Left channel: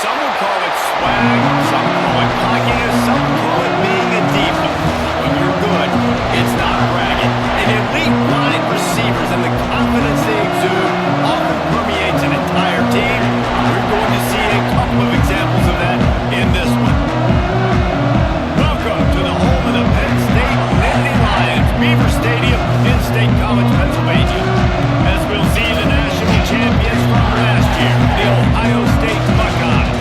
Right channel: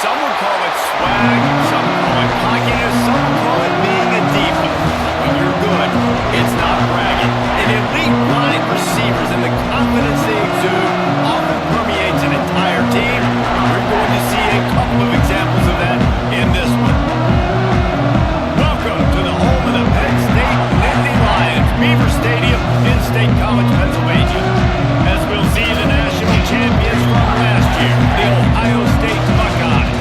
Some would call it swag, some call it cockiness, some would call it being a diva. When you're good, it's not bragging. And elite wide receivers and the confidence they exude often permeates an entire team. And we're going to see a couple of examples of that in this one. Welcome to the home of the Penn State Nittany Lions, Beaver Stadium in State College, Pennsylvania. As we'll see the national champions from last year, the Ohio State Buckeyes,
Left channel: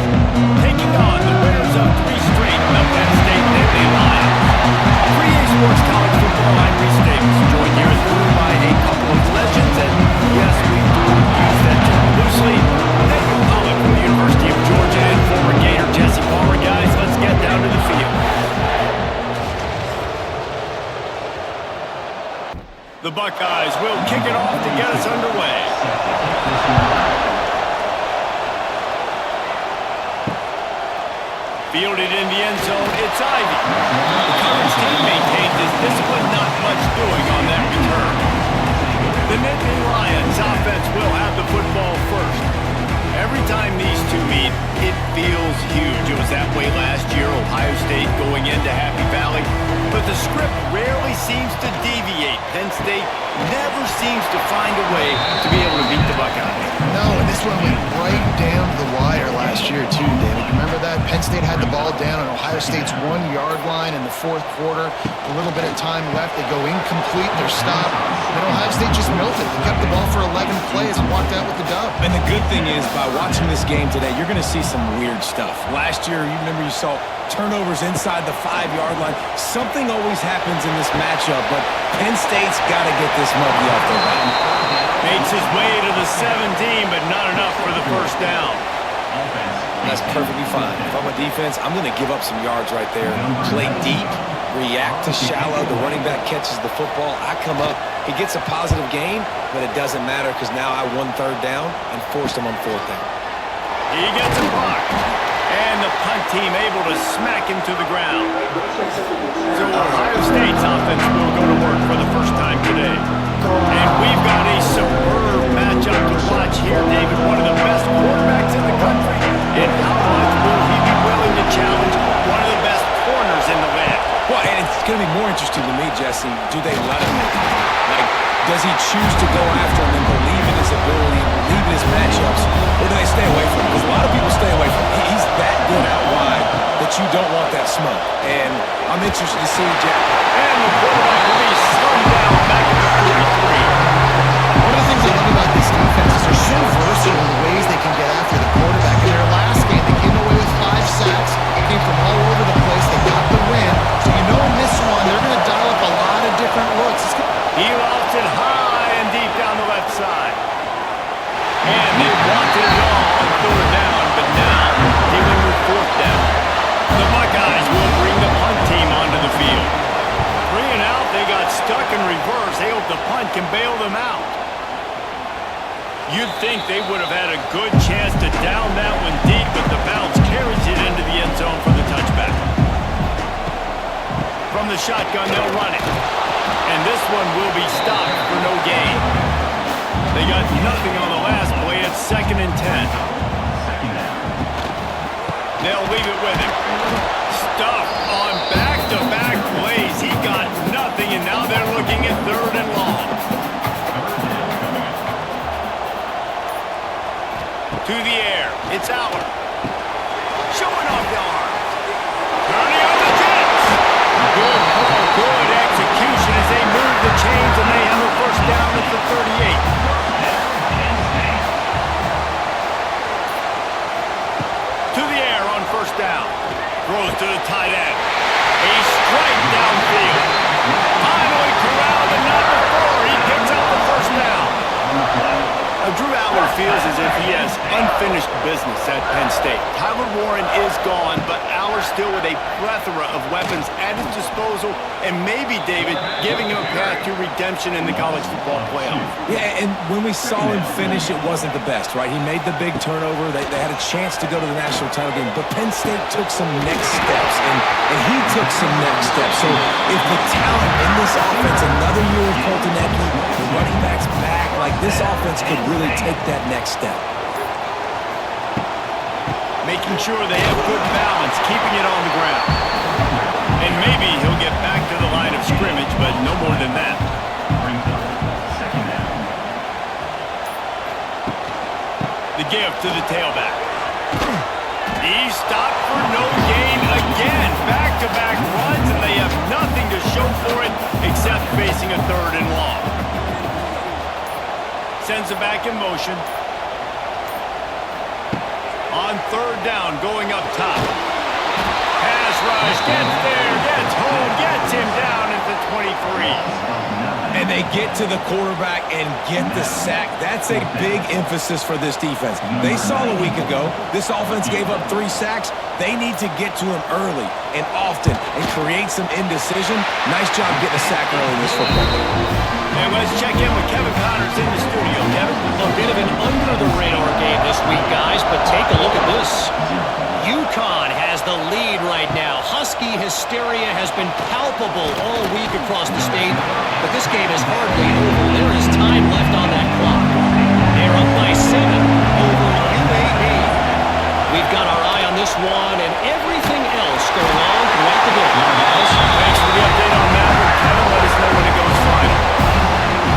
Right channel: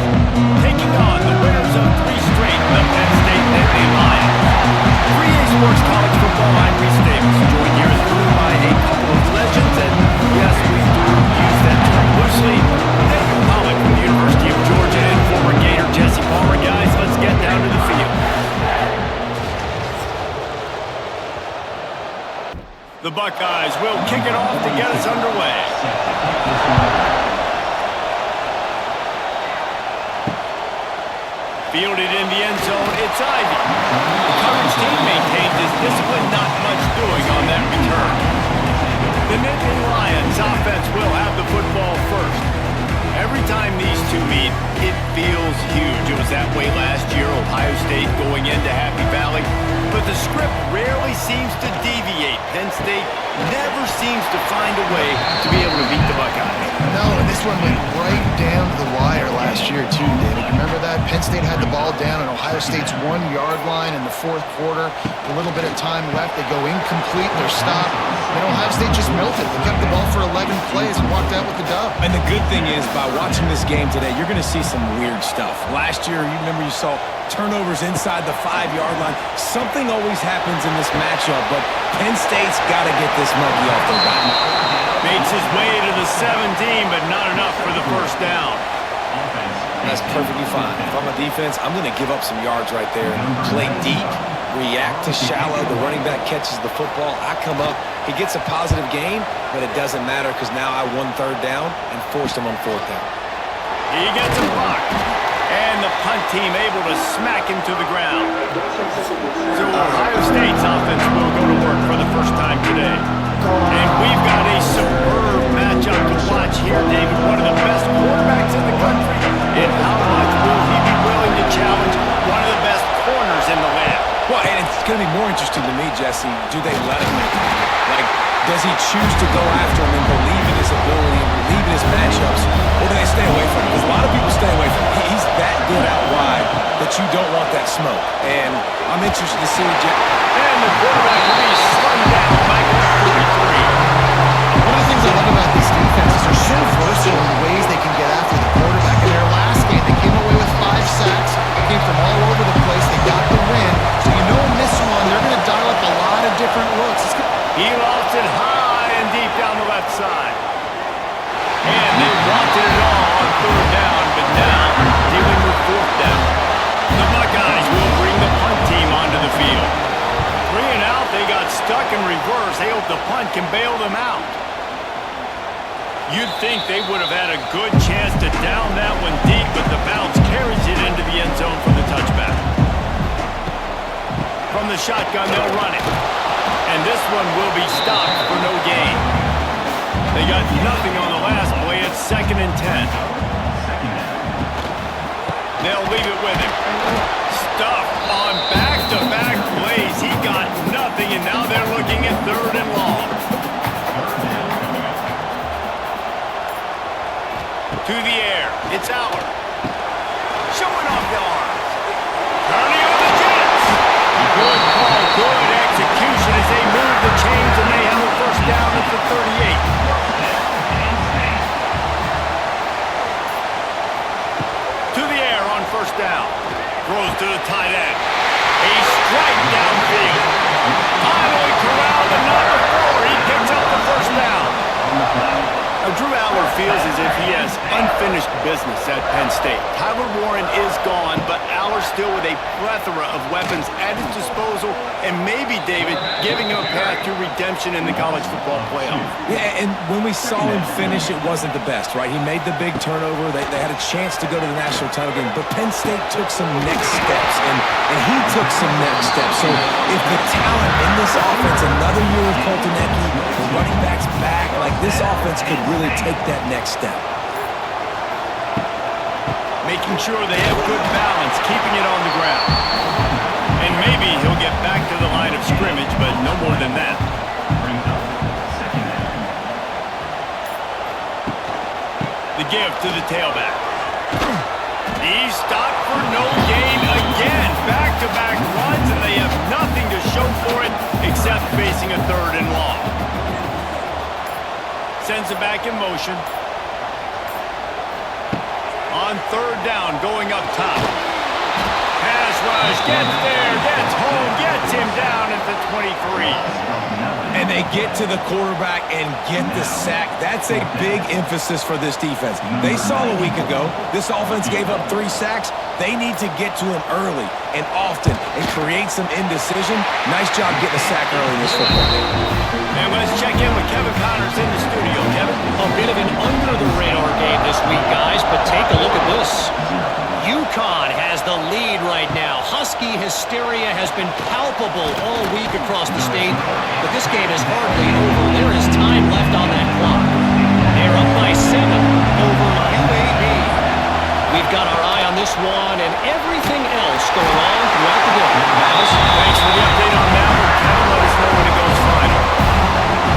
taking on the winners of 3 straight, the Penn State Nittany Lions. 3A Sports College Football, I'm Reese Davis, joined here as room by a couple of legends, and yes, we do use that term loosely. David Pollock from the University of Georgia and former Gator Jesse Palmer. Guys, let's get down to the field. The Buckeyes will kick it off to get us underway. Fielded in the end zone, it's Ivy. The coverage team maintains his discipline, not much doing on that return. The Nittany Lions offense will have the football first. Every time these two meet, it feels huge. It was that way last year, Ohio State going into Happy Valley. But the script rarely seems to deviate. Penn State never seems to find a way to be able to beat the Buckeyes. No, and this one went right down to the wire last year too, David. Remember that? Penn State had the ball down on Ohio State's 1-yard line in the 4th quarter. A little bit of time left. They go incomplete. They're stopped. Then Ohio State just melted. They kept the ball for 11 plays and walked out with the dub. And the good thing is, by watching this game today, you're going to see some weird stuff. Last year, you remember you saw turnovers inside the 5-yard line. Something always happens in this matchup, but Penn State's got to get this monkey off their back. Makes his way to the 17, but not enough for the first down. That's perfectly fine. If I'm a defense, I'm going to give up some yards right there. Play deep, react to shallow. The running back catches the football. I come up. He gets a positive gain, but it doesn't matter because now I won 3rd down and forced him on 4th down. He gets a block. And the punt team able to smack him to the ground. So Ohio State's offense will go to work for the first time today. And we've got a superb matchup to watch here, David. One of the best quarterbacks in the country. And how much will he be willing to challenge one of the best corners in the land? Well, and it's going to be more interesting to me, Jesse. Do they let him make it? Like, does he choose to go after him and believe in his ability and believe in his matchups, or do they stay away from him? Because a lot of people stay away from him. He's that good out wide that you don't want that smoke. And I'm interested to see And the quarterback will be slung down back at the 43. One of the things I love about this defense is they're so versatile in the ways they can get after the quarterback. In their last game, they came away with 5 sacks, came from all over the place. They got the win. So you know in this one, they're going to dial up a lot of different looks. He lost it high and deep down the left side. And they wanted it all on 3rd down, but now dealing with 4th down. The Buckeyes will bring the punt team onto the field. 3 and out, they got stuck in reverse. They hope the punt can bail them out. You'd think they would have had a good chance to down that one deep, but the bounce carries it into the end zone for the touchback. From the shotgun, they'll run it. And this one will be stopped for no gain. They got nothing on the last play. It's 2nd and 10. They'll leave it with him. Stuff on back-to-back plays. He got nothing, and now they're looking at 3rd and long. To the air. It's Aller. Showing off the arms. Turning on the Jets. Good call, good execution as they move the chains, and they have a first down at the 38. To the air on 1st down. Throws to the tight end. A strike downfield. Finally corralled, but not before. He picks up the first down. Drew Aller feels as if he has unfinished business at Penn State. Tyler Warren is gone, but Aller still with a plethora of weapons at his disposal, and maybe, David, giving him a path to redemption in the college football playoff. Yeah, and when we saw him finish, it wasn't the best, right? He made the big turnover. They had a chance to go to the national title game, but Penn State took some next steps, and he took some next steps. So if the talent in this offense, another year of Coltonecki, the running backs back, like this offense could really take that next step. making sure they have good balance, keeping it on the ground. And maybe he'll get back to the line of scrimmage, but no more than that. The give to the tailback. He's stopped for no gain again. Back-to-back runs, and they have nothing to show for it except facing a 3rd and long. Sends it back in motion. On 3rd down, going up top. Pass rush, gets there, gets home, gets him down at the 23. And they get to the quarterback and get the sack. That's a big emphasis for this defense. They saw a week ago, this offense gave up 3 sacks. They need to get to him early and often and create some indecision. Nice job getting a sack early in this football game. And let's check in with Kevin Connors in the studio. Kevin? A bit of an under-the-radar game this week, guys, but take a look at this. UConn has the lead right now. Husky hysteria has been palpable all week across the state, but this game is hardly over. There is time left on that clock. They're up by 7 over UAB. We've got our eye on this one and everything else going on throughout the game. Guys, thanks for the update on that one. Kevin, let us know when it goes final.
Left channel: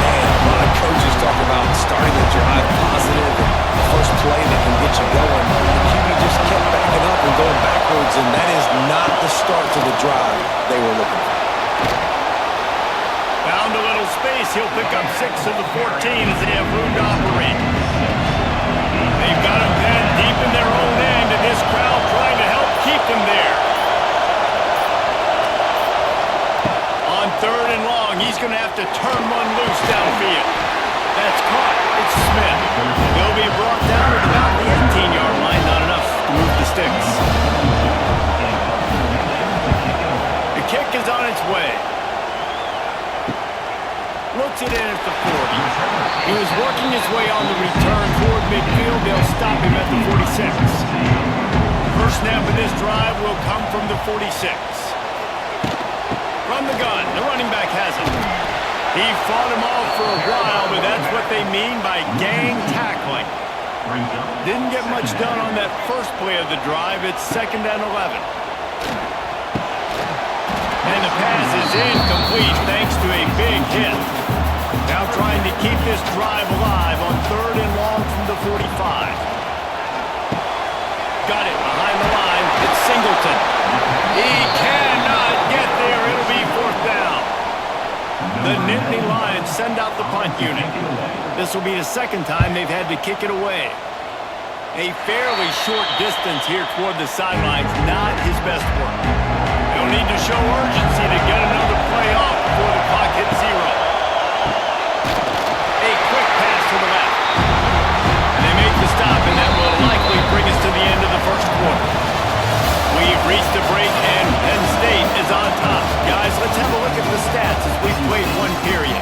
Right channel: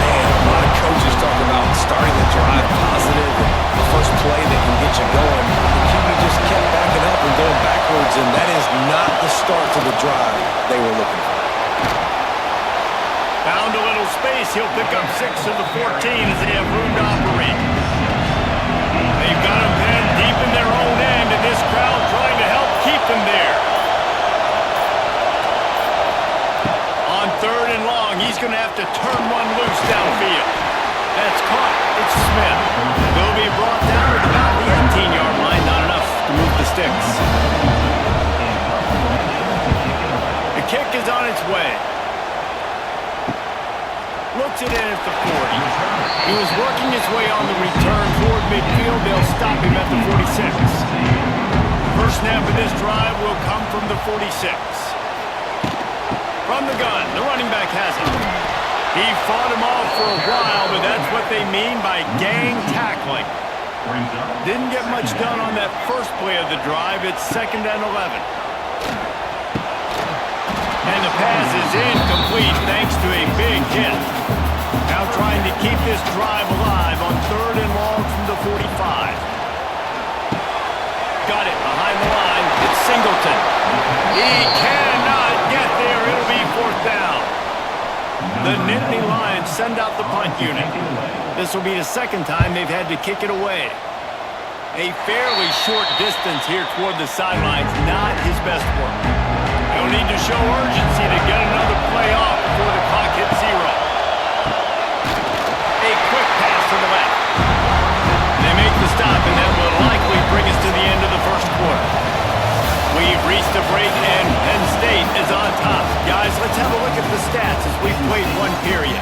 Man, a lot of coaches talk about starting the drive positive and the first play that can get you going. The QB just kept backing up and going backwards, and that is not the start to the drive they were looking for. Found a little space. He'll pick up 6 of the 14 as they have room to operate. They've got him pinned deep in their own end, and this crowd trying to help keep them there. On 3rd and long, he's going to have to turn one loose downfield. That's caught. It's Smith. He'll be brought down at about the 18-yard line. Not enough to move the sticks. The kick is on its way. Looks it in at the 40. He was working his way on the return toward midfield. They'll stop him at the 46. First snap of this drive will come from the 46. From the gun, the running back has it. He fought him off for a while, but that's what they mean by gang tackling. Didn't get much done on that first play of the drive. It's 2nd and 11. And the pass is incomplete thanks to a big hit. Now trying to keep this drive alive on 3rd and long from the 45. Got it behind the line. It's Singleton. He cannot get there. It'll be 4th down. The Nittany Lions send out the punt unit. This will be the 2nd time they've had to kick it away. A fairly short distance here toward the sidelines. Not his best work. They'll need to show urgency to get another play off before the clock hits 0. A quick pass to the left. They make the stop, and that will likely bring us to the end of the first quarter. We've reached a break, and Penn State is on top. Guys, let's have a look at the stats as we've played 1 period.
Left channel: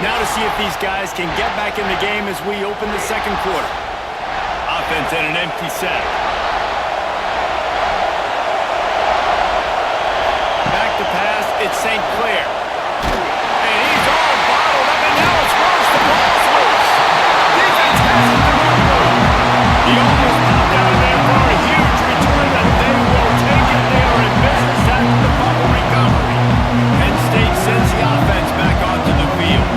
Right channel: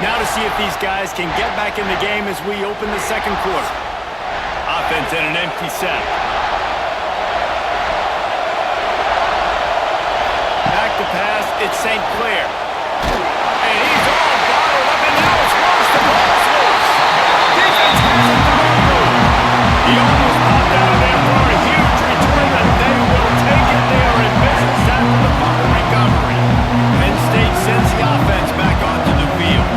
Now to see if these guys can get back in the game as we open the 2nd quarter. Offense in an empty set. Back to pass, it's St. Clair. And he's all bottled up, and now it's worse. The ball's loose. Defense has it, the wrong move. He almost popped out of there for a huge return, and they will take it. They are in business after the fumble recovery. Penn State sends the offense back onto the field.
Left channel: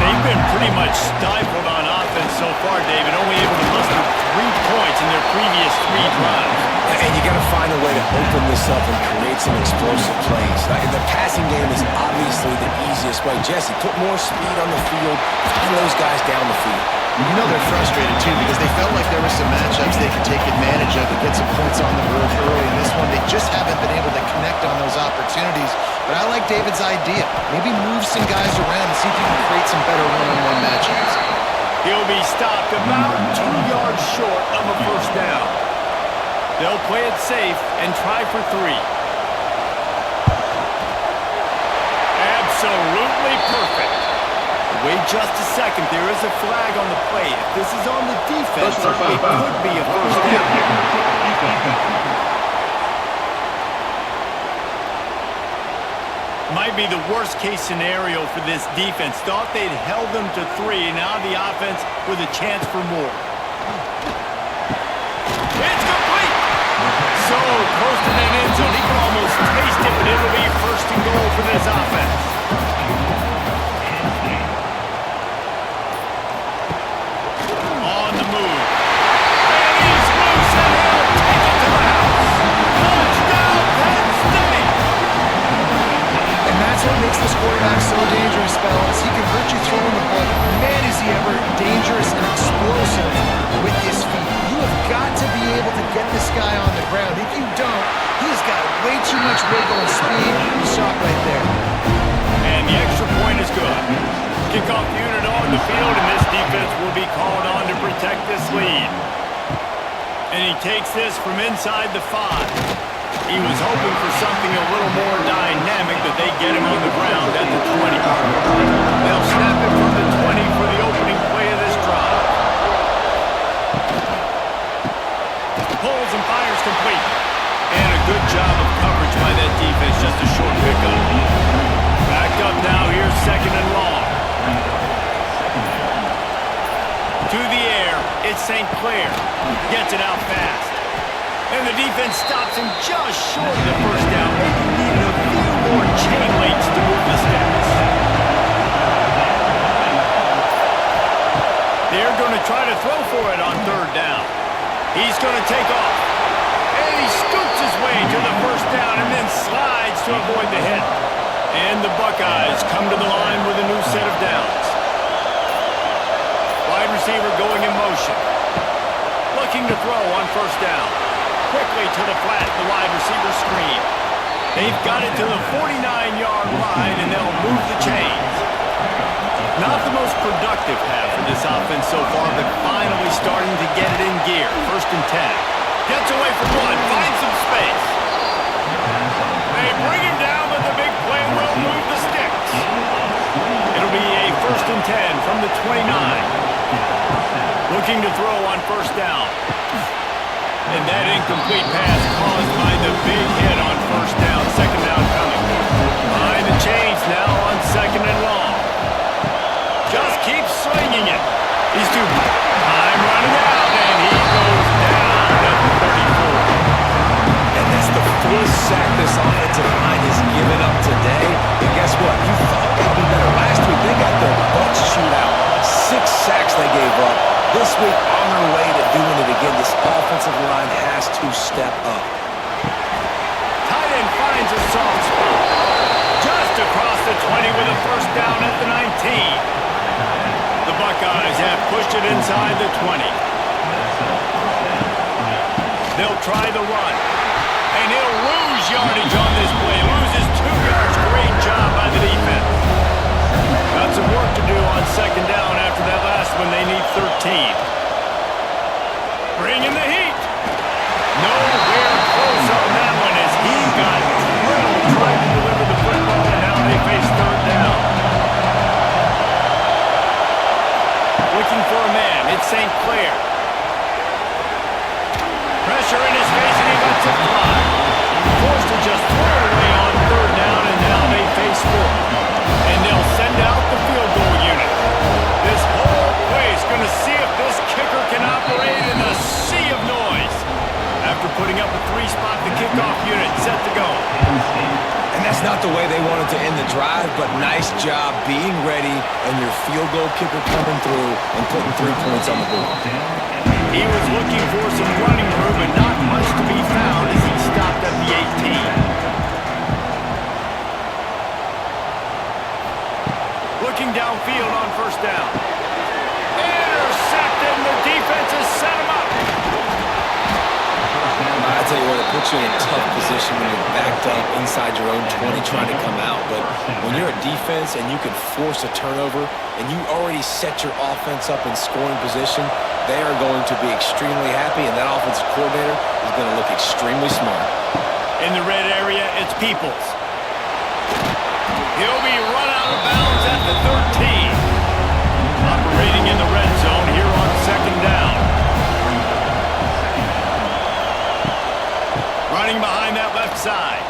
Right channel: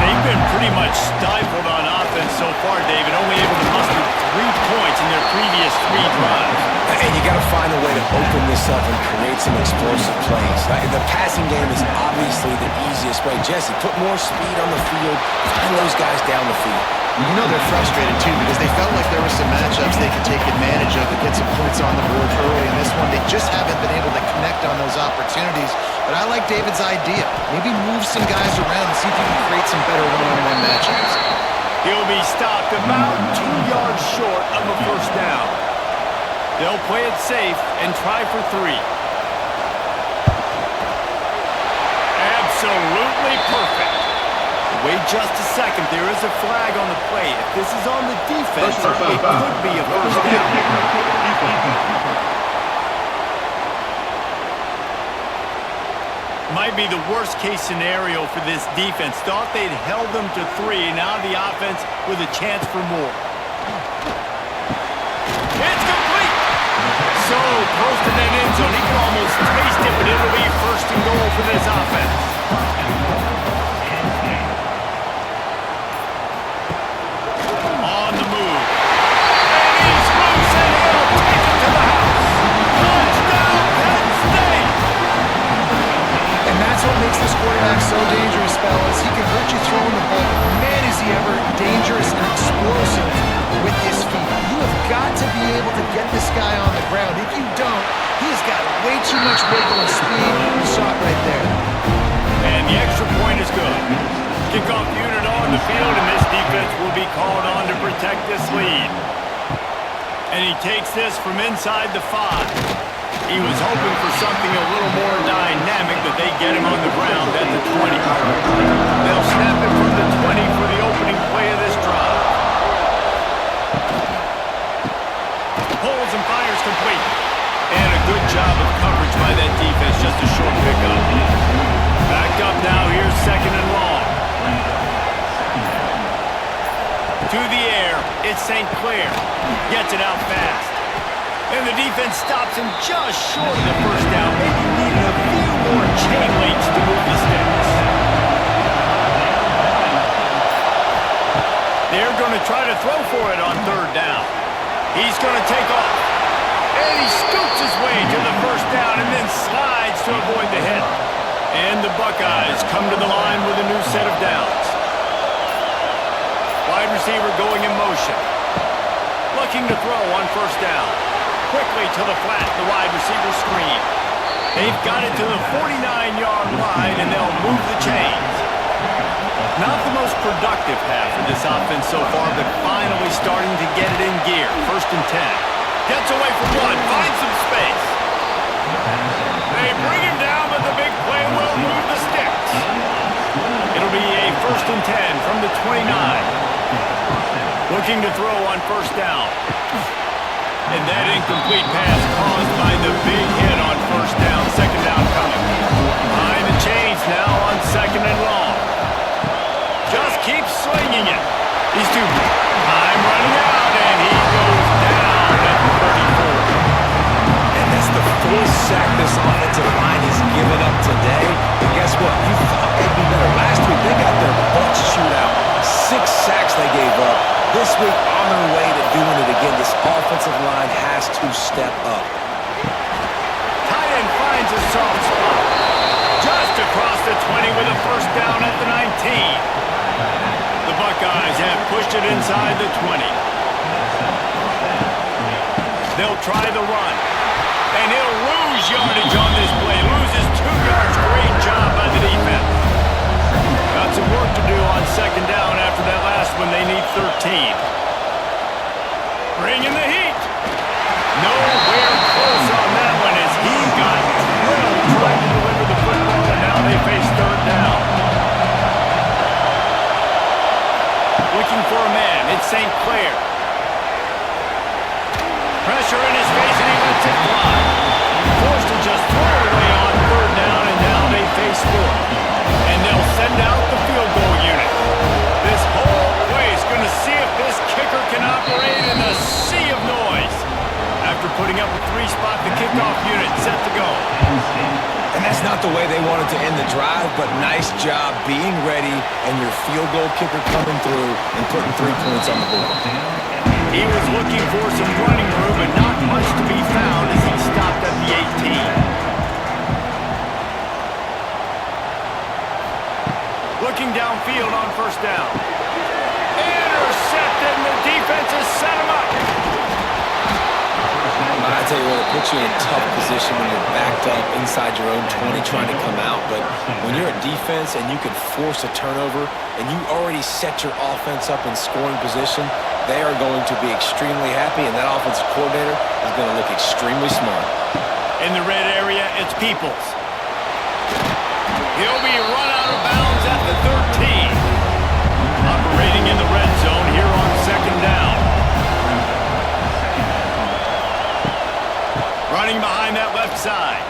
They've been pretty much stifled on offense so far, David, only able to muster 3 points in their previous 3 drives. And you got to find a way to open this up and create some explosive plays. The passing game is obviously the easiest way. Jesse, put more speed on the field, find those guys down the field. You know they're frustrated, too, because they felt like there were some matchups they could take advantage of to get some points on the board early. In this one, they just haven't been able to connect on those opportunities. But I like David's idea. Maybe move some guys around and see if you can create some better one-on-one matchups. He'll be stopped about 2 yards short of a first down. They'll play it safe and try for 3. Absolutely perfect. Wait just a second. There is a flag on the play. If this is on the defense, it could be a first down. Might be the worst-case scenario for this defense. Thought they'd held them to 3. Now the offense with a chance for more. It's complete! So close to that end zone. He can almost taste it, but it'll be first and goal for this offense. On the move. And he's loose, and he'll take it to the house. Touchdown, Penn State! And that's what makes this quarterback so dangerous, fellas. He can hurt you throwing the ball. Man, is he ever dangerous and explosive with his feet. You have got to be able to get this guy on the ground. If you don't, he has got way too much wiggle and speed. You saw it right there. And the extra point is good. Kickoff unit on the field, and this defense will be called on to protect this lead. And he takes this from inside the 5. He was hoping for something a little more dynamic, but they get him on the ground at the 20. They'll snap it from the 20 for the opening play of this drive. Pulls and fires complete. And a good job of coverage by that defense, just a short pickup. Backed up now, here's second and long. To the air, it's St. Clair. Gets it out fast. And the defense stops him just short of the first down. Maybe needed a few more chain links to move the sticks. They're going to try to throw for it on third down. He's going to take off. And he scoops his way to the first down and then slides to avoid the hit. And the Buckeyes come to the line with a new set of downs. Wide receiver going in motion. Looking to throw on first down. Quickly to the flat, the wide receiver screen. They've got it to the 49-yard line, and they'll move the chains. Not the most productive half for this offense so far, but finally starting to get it in gear. First and 10. Gets away from one, finds some space. They bring him down, but the big play will move the sticks. It'll be a first and 10 from the 29. Looking to throw on first down. And that incomplete pass caused by the big hit on first down. Second down coming. Behind the chains now on second and long. Just keeps swinging it. These two, time running out, and he goes down at the 34. And that's the fourth sack this offensive line has given up today. And guess what? You thought they'd be better. Last week, they got their butts chewed out. 6 sacks they gave up. This week, on their way to doing it again, this offensive line has to step up. Tight end finds a soft spot. Just across the 20 with a first down at the 19. The Buckeyes have pushed it inside the 20. They'll try the run. And he'll lose yardage on this play. Loses 2 yards. Great job by the defense. Got some work to do on second down after that last one. They need 13. Bring in the heat. Nowhere close on that one as he got drilled trying to deliver the football, and now they face third down. Looking for a man. It's St. Clair. Pressure in his face, and he lets it fly. Forced to just throw it away on third down, and now they face fourth. And they'll send out the field goal unit. This whole play is going to see if this kicker can operate in the sea of noise. After putting up a 3-spot, the kickoff unit set to go. And that's not the way they wanted to end the drive, but nice job being ready and your field goal kicker coming through and putting 3 points on the board. He was looking for some running room, but not much to be found as he stopped at the 18. Looking downfield on first down. Intercepted, and the defense has set him up. I tell you what, it puts you in a tough position when you're backed up inside your own 20 trying to come out. But when you're a defense and you can force a turnover and you already set your offense up in scoring position, they are going to be extremely happy, and that offensive coordinator is going to look extremely smart. In the red area, it's Peoples. He'll be run out of bounds at the 13. Operating in the red zone here on second down. Running behind that left side.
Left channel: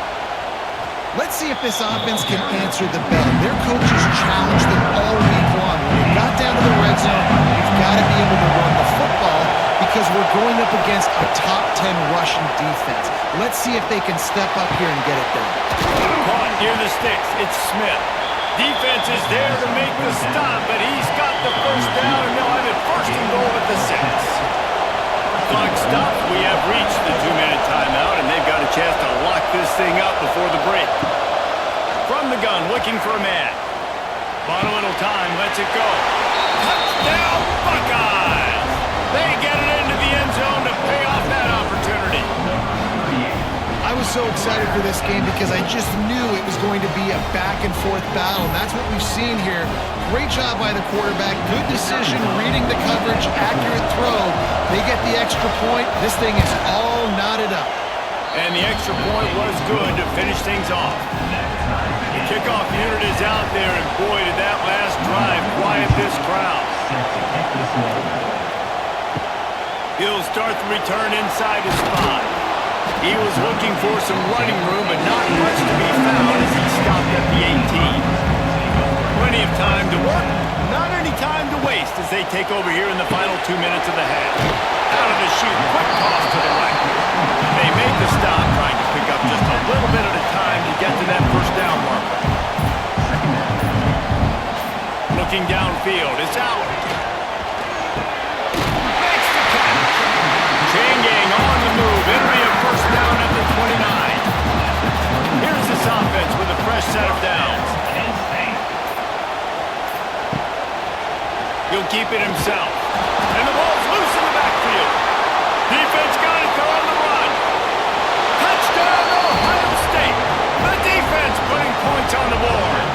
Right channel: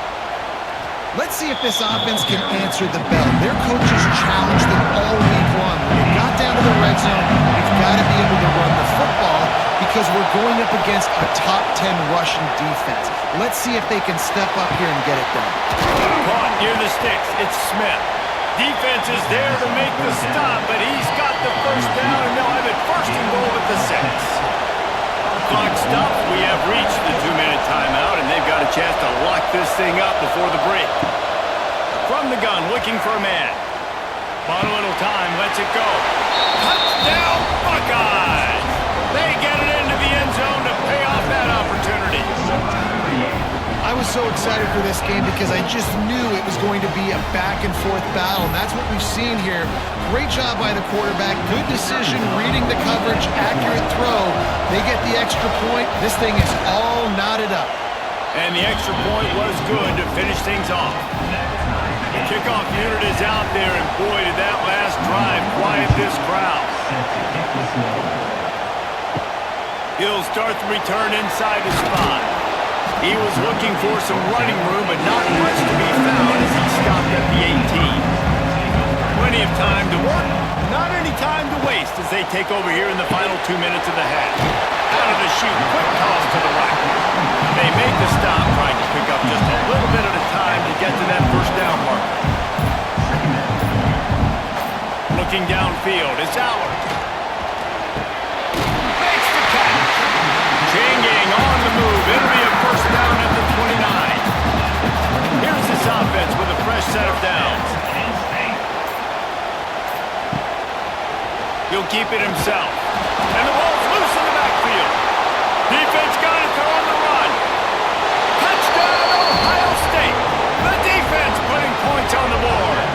Let's see if this offense can answer the bell. Their coaches challenged them all week long. When they got down to the red zone, you've got to be able to run the football because we're going up against a top 10 rushing defense. Let's see if they can step up here and get it done. Caught near the sticks. It's Smith. Defense is there to make the stop, but he's got the first down, and they'll have it first and goal at the 6. Clock stops. We have reached the 2-minute timeout, and they've got a chance to lock this thing up before the break. From the gun, looking for a man. Bought a little time, lets it go. Touchdown, Buckeyes! They get it into the end zone to pay off that opportunity. I was so excited for this game because I just knew it was going to be a back-and-forth battle, and that's what we've seen here. Great job by the quarterback, good decision, reading the coverage, accurate throw. They get the extra point. This thing is all knotted up. And the extra point was good to finish things off. The kickoff unit is out there, and boy, did that last drive quiet this crowd. He'll start the return inside his 5. He was looking for some running room, but not much to be found as he stopped at the 18. Plenty of time to work, not any time to waste as they take over here in the final 2 minutes of the half. Out of the chute, quick toss to the right. They make the stop, trying to pick up just a little bit at a time to get to that first down marker. Looking downfield, it's Allard. Makes the catch. Chain gang on the move. It'll be a first down at the 29. Here's this offense with a fresh set of downs. He'll keep it himself. And the ball's loose in the backfield. Defense got it. They're on the run. Touchdown, Ohio State. The defense putting points on the board.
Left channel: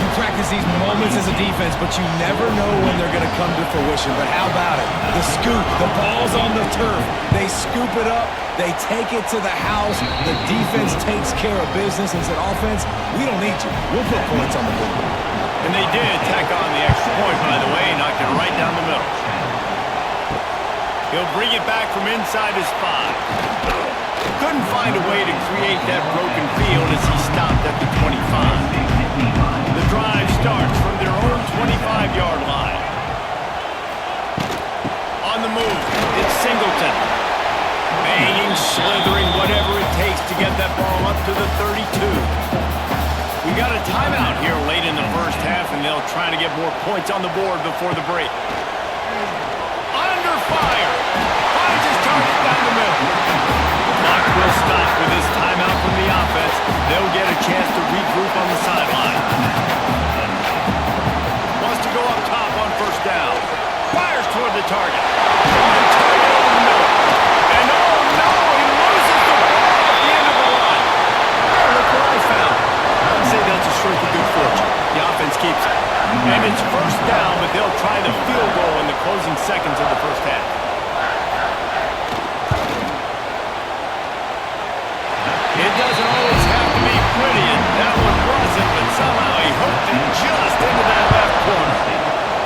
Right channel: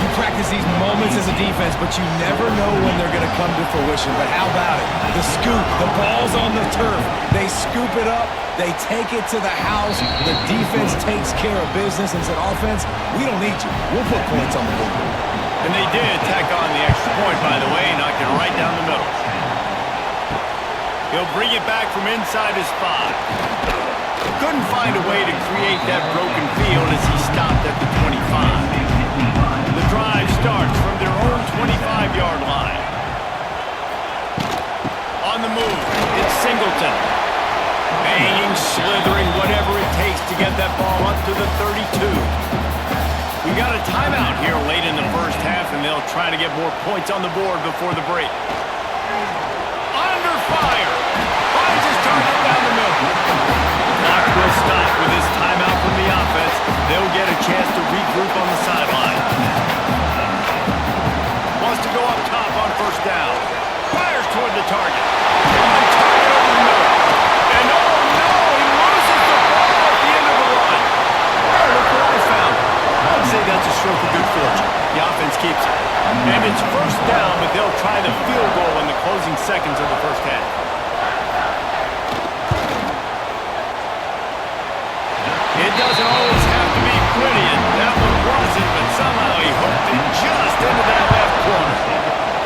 You practice these moments as a defense, but you never know when they're going to come to fruition. But how about it? The scoop, the ball's on the turf. They scoop it up. They take it to the house. The defense takes care of business and said, offense, we don't need you. We'll put points on the board. And they did tack on the extra point, by the way, knocked it right down the middle. He'll bring it back from inside his 5. Couldn't find a way to create that broken field as he stopped at the 25. The drive starts from their own 25-yard line. On the move, it's Singleton. Banging, slithering, whatever it takes to get that ball up to the 32. We got a timeout here late in the first half, and they'll try to get more points on the board before the break. Under fire. Finds his target down the middle. Clock will stop with this timeout from the offense. They'll get a chance to regroup on the sideline. Wants to go up top on first down. Fires toward the target. On target over the middle. And oh no, he loses the ball at the end of the run. Oh, look what I found. I would say that's a stroke of good fortune. The offense keeps it. And it's first down, but they'll try the field goal in the closing seconds of the first half. It doesn't always have to be pretty, and that one wasn't, but somehow he hooked it just into that left corner.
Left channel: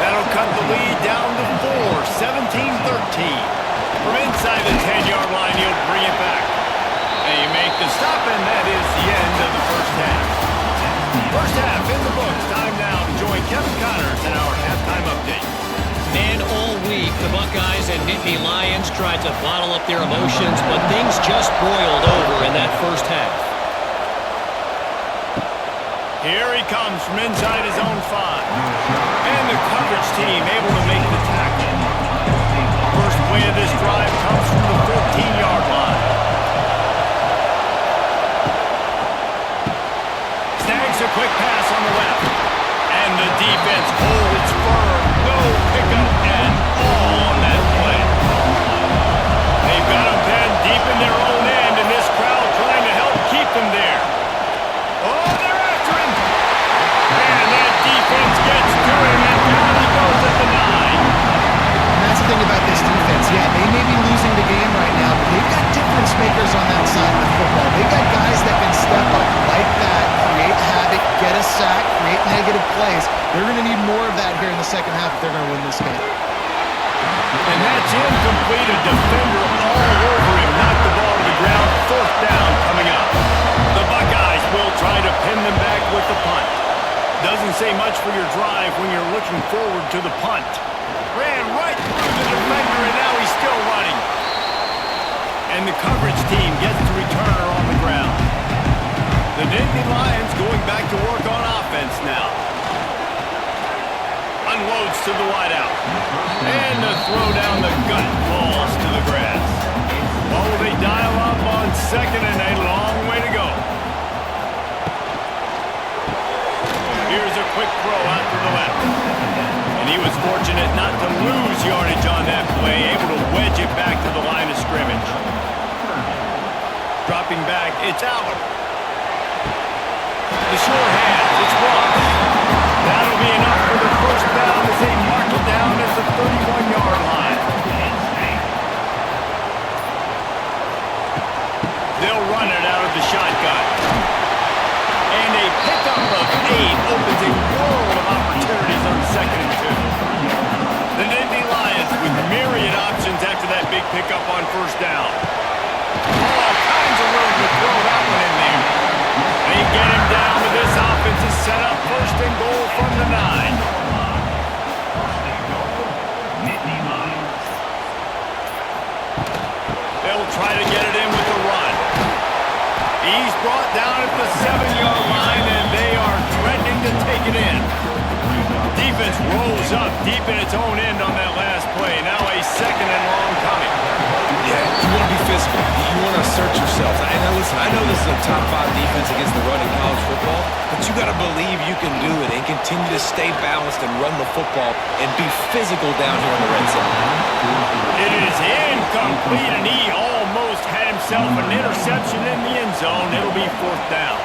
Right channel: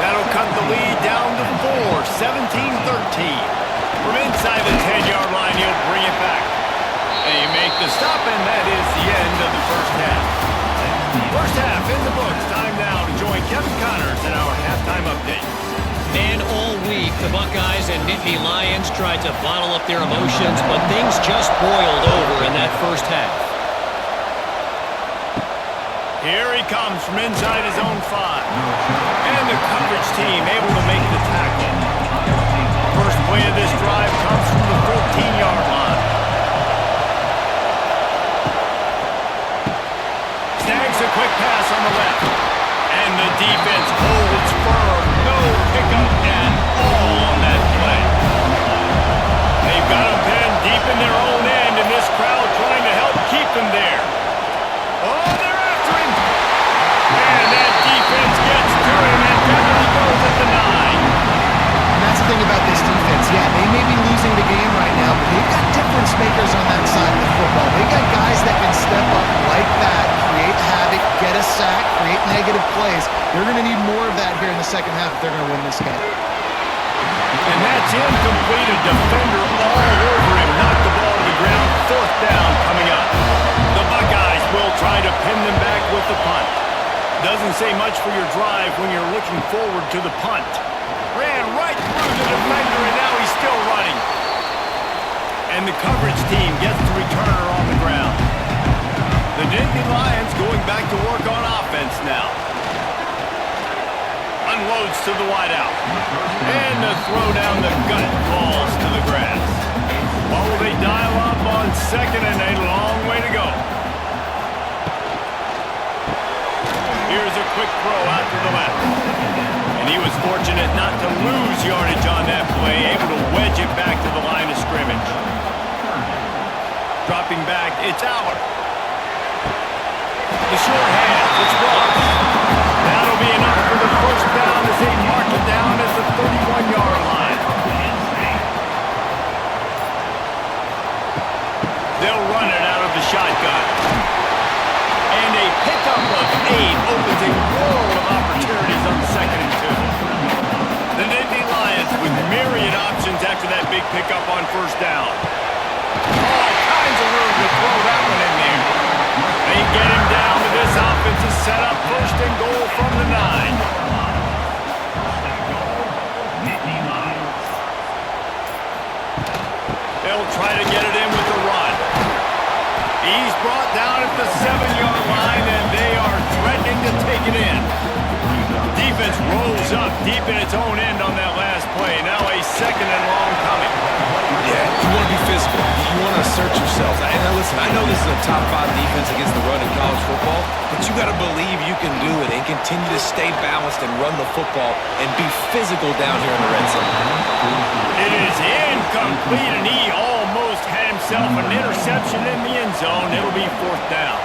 That'll cut the lead down to 4, 17-13. From inside the 10-yard line, he'll bring it back. They make the stop, and that is the end of the first half. First half in the books. Time now to join Kevin Connors in our halftime update. And all week, the Buckeyes and Nittany Lions tried to bottle up their emotions, but things just boiled over in that first half. Here he comes from inside his own 5. And the coverage team able to make the tackle. First play of this drive comes from the 14-yard line. Snags a quick pass on the left. And the defense holds firm. No pickup at all on that play. They've got them pinned deep in their own end, and this crowd trying to help keep them there. Oh, they're after him. And that defense gets to him, and down he goes at the 9. And that's the thing about this defense. Yeah, they may be losing the game right now, but they've got difference makers on that side of the football. They got guys that can step up like that, create havoc, get a sack, create negative plays. They're going to need more of that here in the second half if they're going to win this game. And that's incomplete. A defender all over him. Knocked the ball to the ground, fourth down coming up. The Buckeyes will try to pin them back with the punt. Doesn't say much for your drive when you're looking forward to the punt. Ran right through the defender, and now he's still running. And the coverage team gets the returner on the ground. The Nittany Lions going back to work on offense now. Unloads to the wideout. And the throw down the gut falls to the grass. Well, they dial up on second and a long way to go. Here's a quick throw out to the left. And he was fortunate not to lose yardage on that play, able to wedge it back to the line of scrimmage. Dropping back, it's Aller. The short hand, it's Ross. That'll be enough for the first down as they mark it down at the 31-yard line. They'll run it out of the shotgun. And a pickup of 8 opens a world of opportunities on second and 2. The Nittany Lions with myriad options after that big pickup on first down. All kinds of room to throw that one in there. They get him down with this offense is set up first and goal from the 9. They'll try to get it in with the run. He's brought down at the 7-yard line, and they are threatening to take it in. Defense rolls up deep in its own end on that last play. Now a second and long coming. Yeah, you want to be physical. You want to assert yourselves. And now listen, I know this is a top 5 defense against the run in college football, but you got to believe you can do it and continue to stay balanced and run the football and be physical down here in the red zone. It is incomplete, and he almost had himself an interception in the end zone. It'll be fourth down.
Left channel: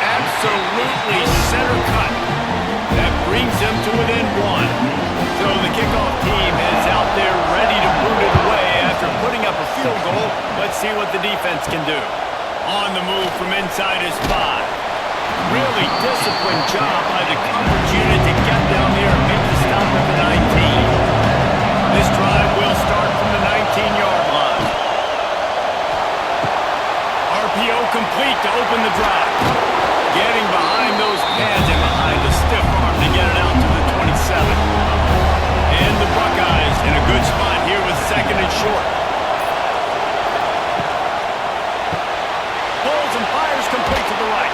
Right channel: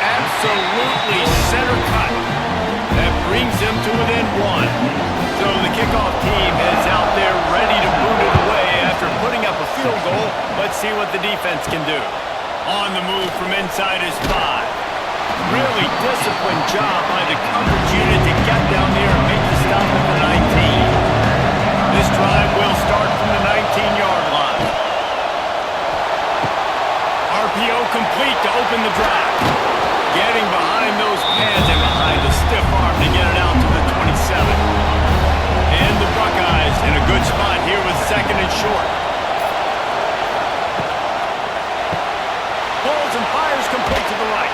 Absolutely center cut. That brings him to within 1. So the kickoff team is out there ready to boot it away after putting up a field goal. Let's see what the defense can do. On the move from inside his 5. Really disciplined job by the coverage unit to get down there and make the stop at the 19. This drive will start from the 19-yard line. RPO complete to open the drive. Getting behind those pads and behind the stiff arm to get it out to the 27. And the Buckeyes in a good spot here with second and short. Pulls and fires complete to the right.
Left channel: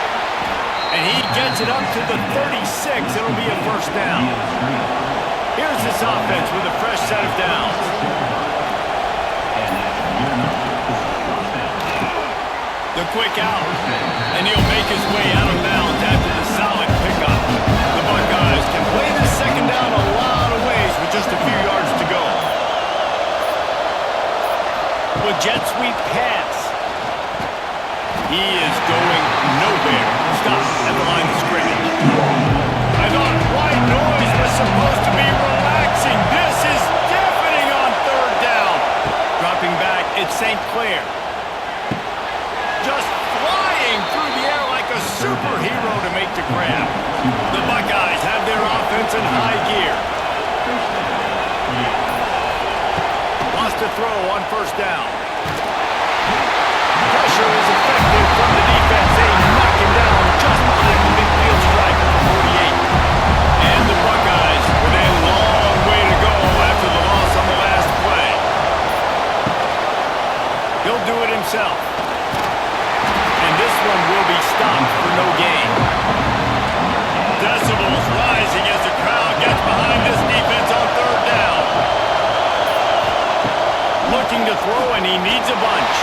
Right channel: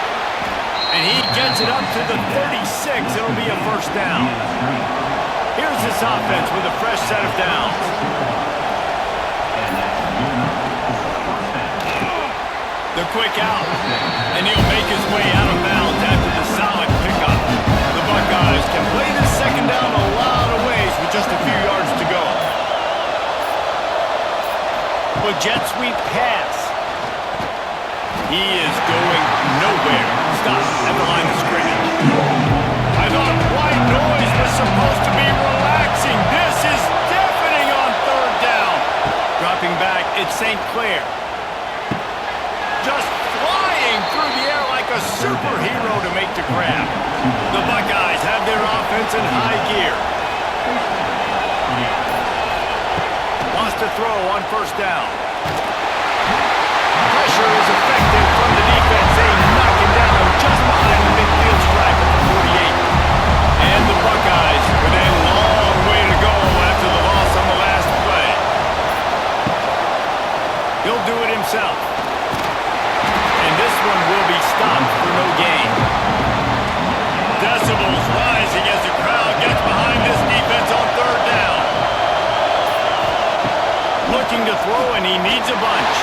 And he gets it up to the 36. It'll be a first down. Here's this offense with a fresh set of downs. The quick out, and he'll make his way out of bounds after the solid pickup. The Buckeyes can play this second down a lot of ways with just a few yards to go. With jet sweep pass. He is going nowhere. Stop at the line of scrimmage. I thought white noise was supposed to be relaxing. This is deafening on third down. Dropping back, it's St. Clair. Just flying through the air like a superhero to make the grab. The Buckeyes have their offense in high gear. Wants to throw on first down. Pressure is effective from the defense. They knock him down just behind the midfield stripe at the 48. And the Buckeyes with a long way to go after the loss on the last play. He'll do it himself. And this one will be stopped for no gain. Decibels rising as the crowd gets behind this defense on third down. Looking to throw, and he needs a bunch.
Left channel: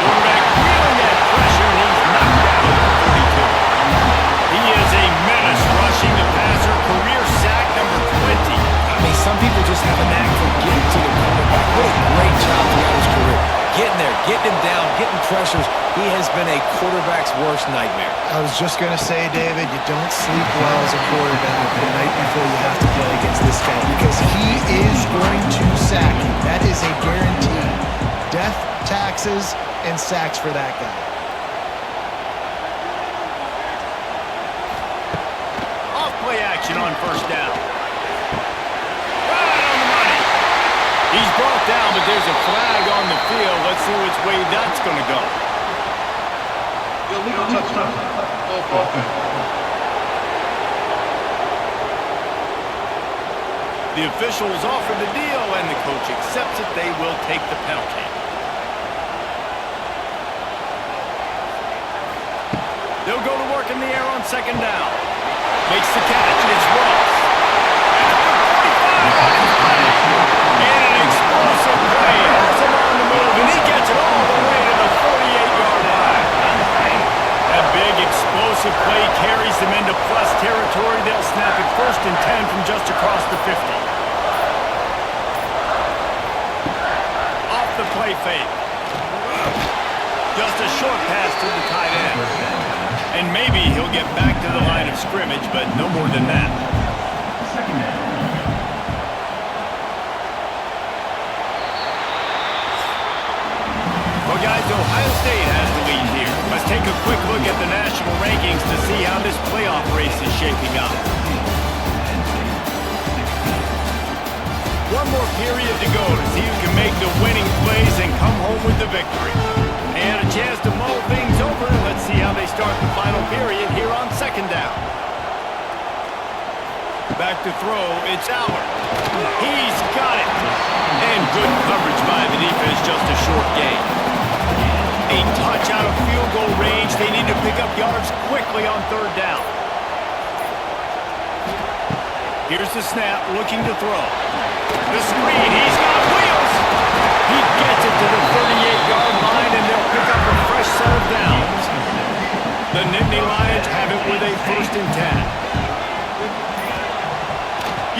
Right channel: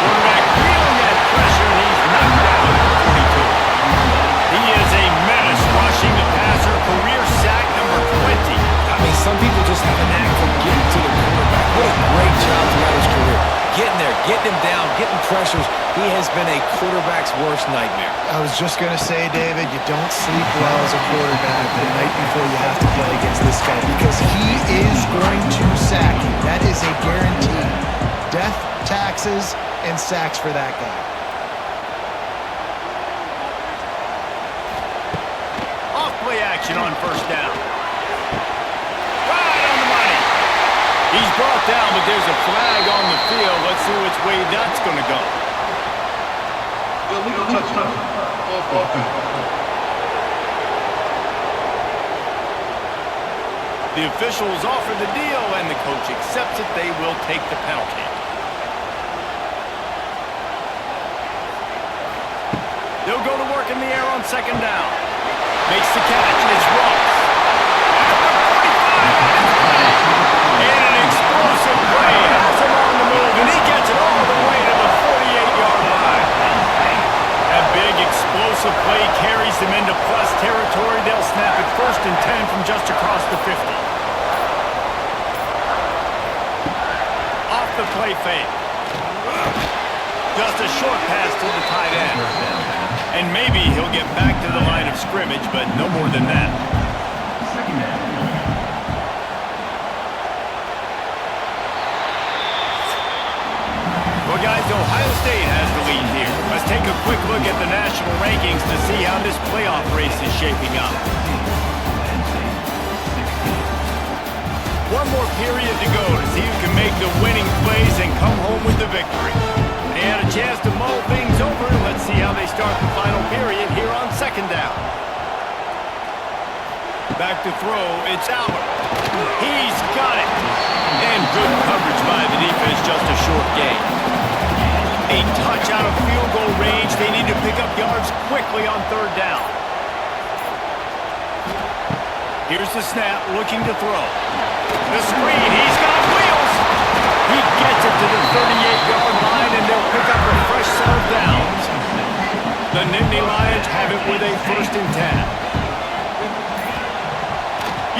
Quarterback wheeling at pressure, and he's knocked down at the 42. He is a menace rushing the passer, career sack number 20. I mean, some people just have a knack for getting to the quarterback. What a great job throughout his career. Getting there, getting him down, getting pressures. He has been a quarterback's worst nightmare. I was just going to say, David, you don't sleep well as a quarterback the night before you have to play against this guy because he is going to sack you. That is a guarantee. Death, taxes, and sacks for that guy. Off play action on first down. Right on the money. He's brought down, but there's a flag on the field. Let's see which way that's going to go. Illegal touchdown. Offense. The officials offer the deal, and the coach accepts it. They will take the penalty. They'll go to work in the air on second down. Makes the catch. It's Ross. At the 45 on his way. And an explosive play. Has him on the move, and he gets it all the way to the 48-yard line. That big explosive play carries them into plus territory. They'll snap it 1st and 10 from just across the 50. Off the play fake. Just a short pass to the tight end. And maybe he'll get back to the line of scrimmage, but no more than that. Well, guys, Ohio State has the lead here. Let's take a quick look at the national rankings to see how this playoff race is shaping up. One more period to go to see who can make the winning plays and come home with the victory. They had a chance to mull things over. Let's see how they start the final period here on second down. Back to throw, it's Howard. He's got it. And good coverage by the defense, just a short gain. A touch out of field goal range. They need to pick up yards quickly on third down. Here's the snap, looking to throw. The screen, he's got wheels. He gets it to the 38-yard line, and they'll pick up a fresh set of downs. The Nittany Lions have it with a 1st and 10.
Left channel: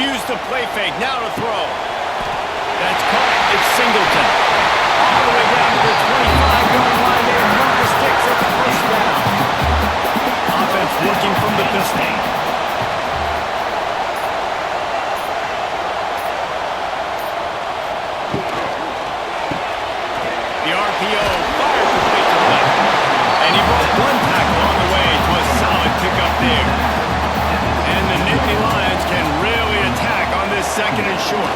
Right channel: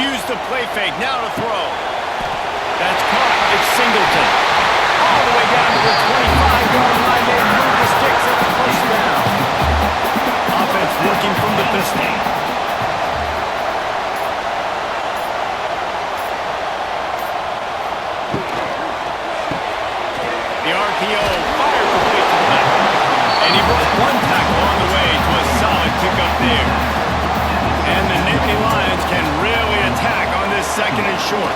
Use the play fake, now to throw. That's caught, it's Singleton. All the way down to the 25-yard line. They move the sticks at the 1st down. Offense working from the pistol. The RPO fired complete to the left. And he broke one tackle on the way to a solid pickup there. And the Nittany Lions can really attack on this 2nd and short.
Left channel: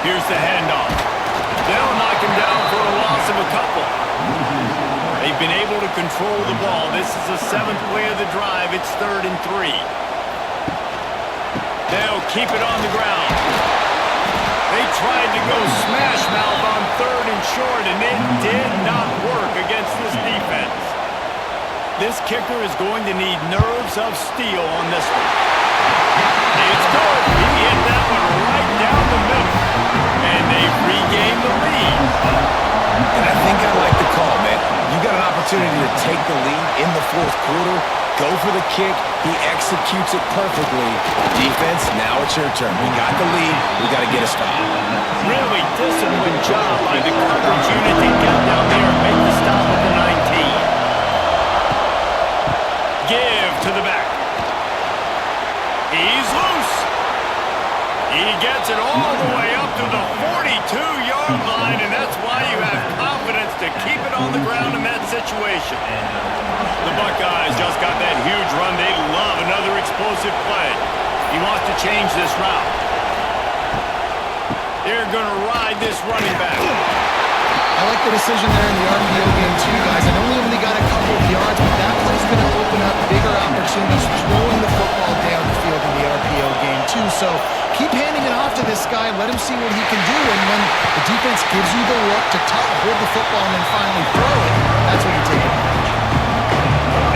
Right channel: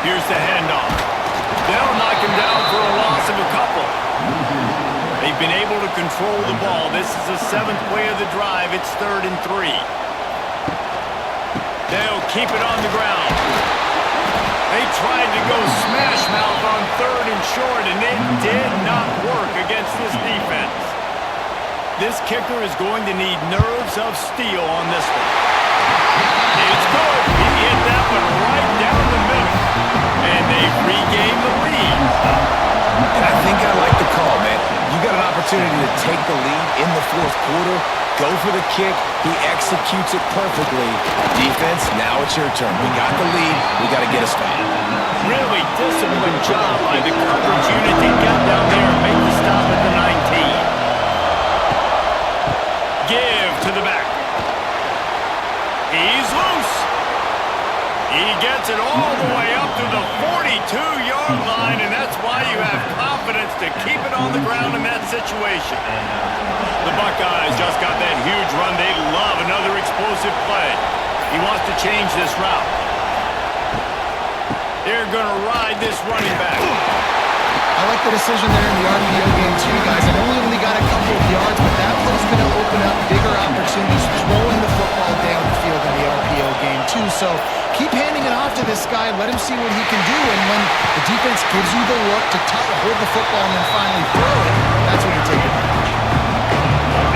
Here's the handoff. They'll knock him down for a loss of a couple. They've been able to control the ball. This is the 7th play of the drive. It's 3rd and 3. They'll keep it on the ground. They tried to go smash mouth on 3rd and short, and it did not work against this defense. This kicker is going to need nerves of steel on this one. It's good. He hit that one right down the middle. And they've regained the lead. And I think I like the call, man. You got an opportunity to take the lead in the 4th quarter. Go for the kick. He executes it perfectly. Defense, now it's your turn. We got the lead. We got to get a stop. Really disciplined job by the coverage unit to get down there and make the stop at the 19. Give to the back. He's loose. He gets it all the way up to the 42-yard line, and that's why you have confidence to keep it on the ground in that situation. The Buckeyes just got that huge run. They love another explosive play. He wants to change this route. They're going to ride this running back. I like the decision there in the RPO game too, guys. I know we only got a couple of yards, but that play's going to open up bigger opportunities throwing the football down the field in the RPO game too. So keep handing it off to this guy. Let him see what he can do. And when the defense gives you the look to hold the football and then finally throw it, that's when you take advantage.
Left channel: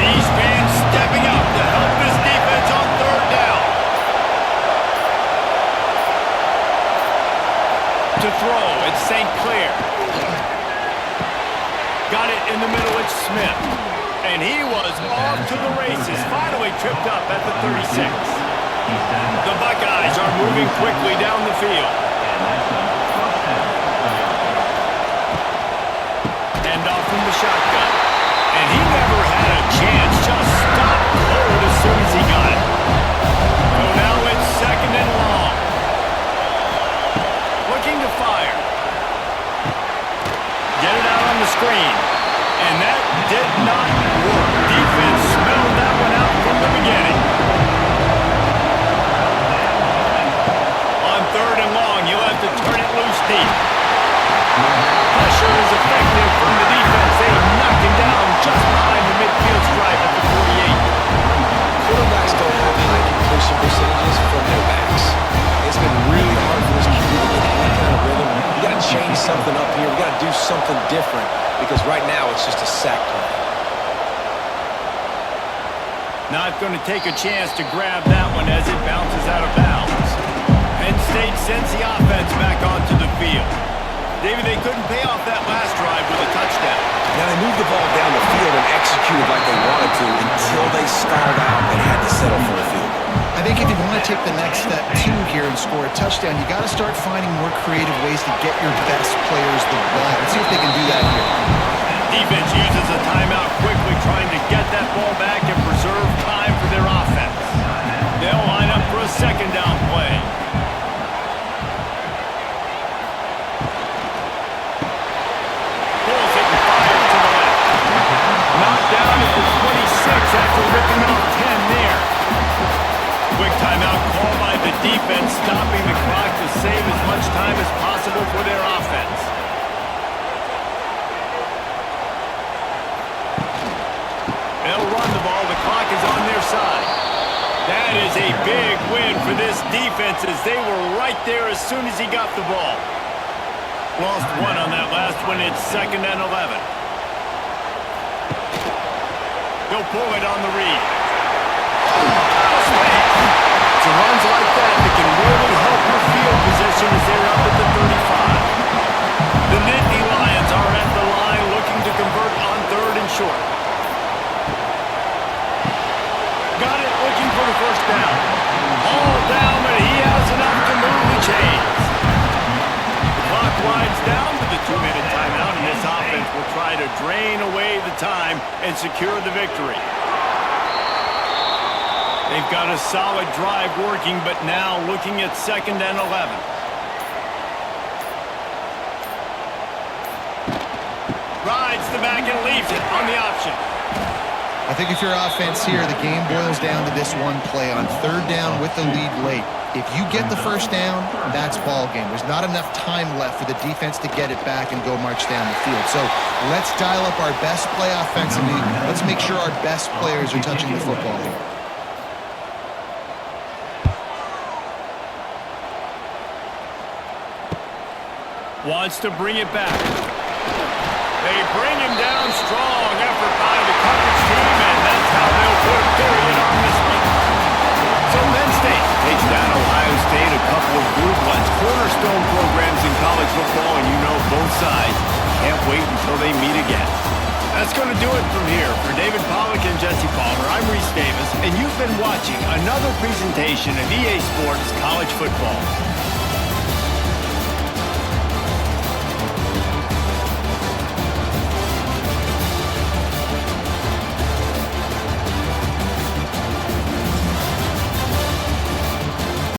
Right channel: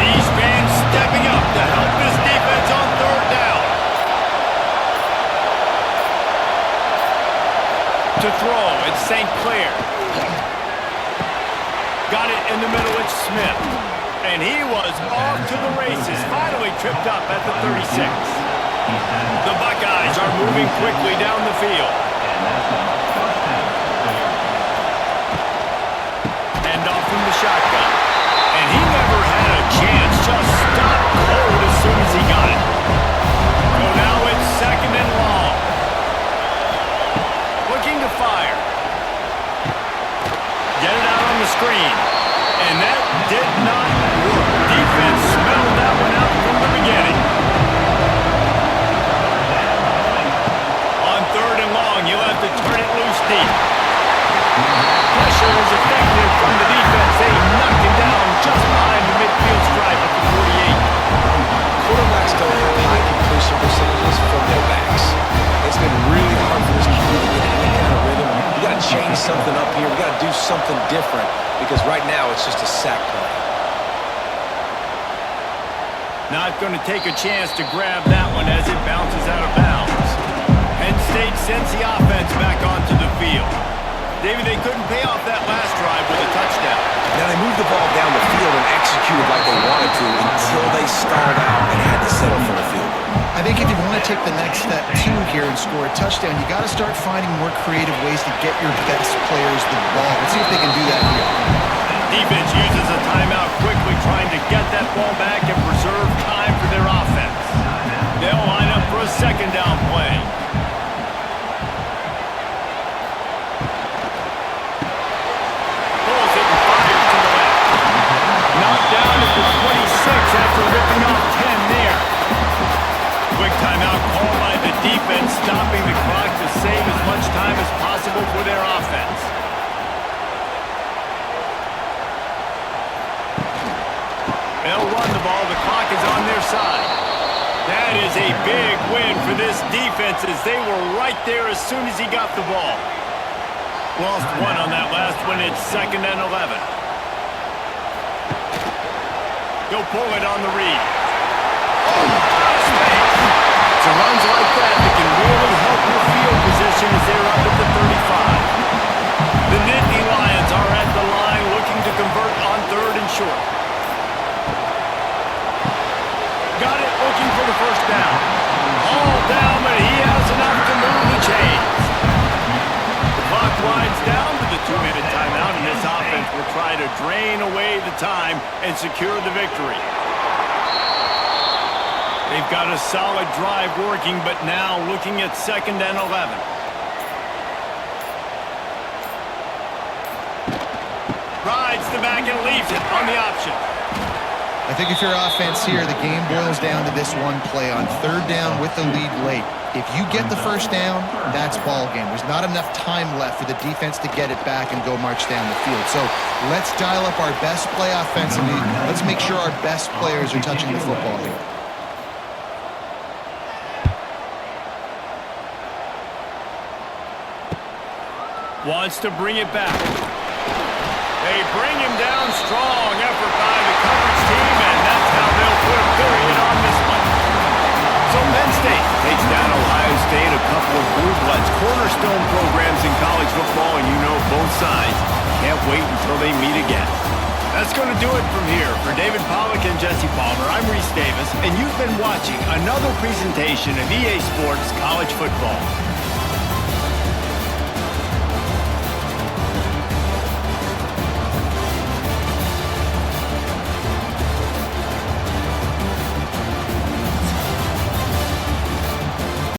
These fans stepping up to help this defense on third down. To throw, it's St. Clair. Got it in the middle, it's Smith. And he was off to the races, finally tripped up at the 36. The Buckeyes are moving quickly down the field. Hand off from the shotgun. And he never had a chance, just stopped cold as soon as he got it. So now it's 2nd and long. Looking to fire. Get it out on the screen. And that did not work. Defense smelled that one out from the beginning. On 3rd and long, you'll have to turn it loose quarterbacks don't have high completion percentages from their backs. It's been really hard for this QB to get any kind of rhythm. We got to change something up here. We got to do something different because right now it's just a sack play. Not going to take a chance to grab that one as it bounces out of bounds. Penn State sends the offense back onto the field. David, they couldn't pay off that last drive with a touchdown. Now they moved the ball down the field and executed like they wanted to until they stalled out and had to settle for a field goal. I think if you want to take the next step, too, here and score a touchdown, you got to start finding more creative ways to get your best players the ball. Let's see if they can do that here. Defense uses a timeout quickly, trying to get that ball back and preserve time for their offense. They'll line up for a second down play. Pulls it and fires to the left. Knocked down at the 26 after ripping off 10 there. Quick timeout called by the defense, stopping the clock to save as much time as possible for their offense. They'll run the ball. The clock is on their side. That is a big win for this defense as they were right there as soon as he got the ball. Lost one on that last one. It's 2nd and 11. He'll pull it on the read. Oh, out of space. It's runs like that can really help your field position as they're up at the 35. The Nittany Lions are at the line looking to convert on 3rd and short. Got it, looking for the first down. All down, but he has enough to move the chains. The clock winds down to the 2-minute timeout, and this offense will try to drain away the time and secure the victory. They've got a solid drive working, but now looking at 2nd and 11. Rides the back and leaves it on the option. I think if you're offense here, the game boils down to this one play on 3rd down with the lead late. If you get the first down, that's ball game. There's not enough time left for the defense to get it back and go march down the field. So let's dial up our best play offensively. Let's make sure our best players are touching the football here. Wants to bring it back. They bring him down. Strong effort by the coverage team, and that's how they'll put a period on this one. So Penn State takes down Ohio State, a couple of blue bloods, cornerstone programs in college football, and you know both sides can't wait until they meet again. That's going to do it from here. For David Pollack and Jesse Palmer, I'm Reese Davis, and you've been watching another presentation of EA Sports College Football.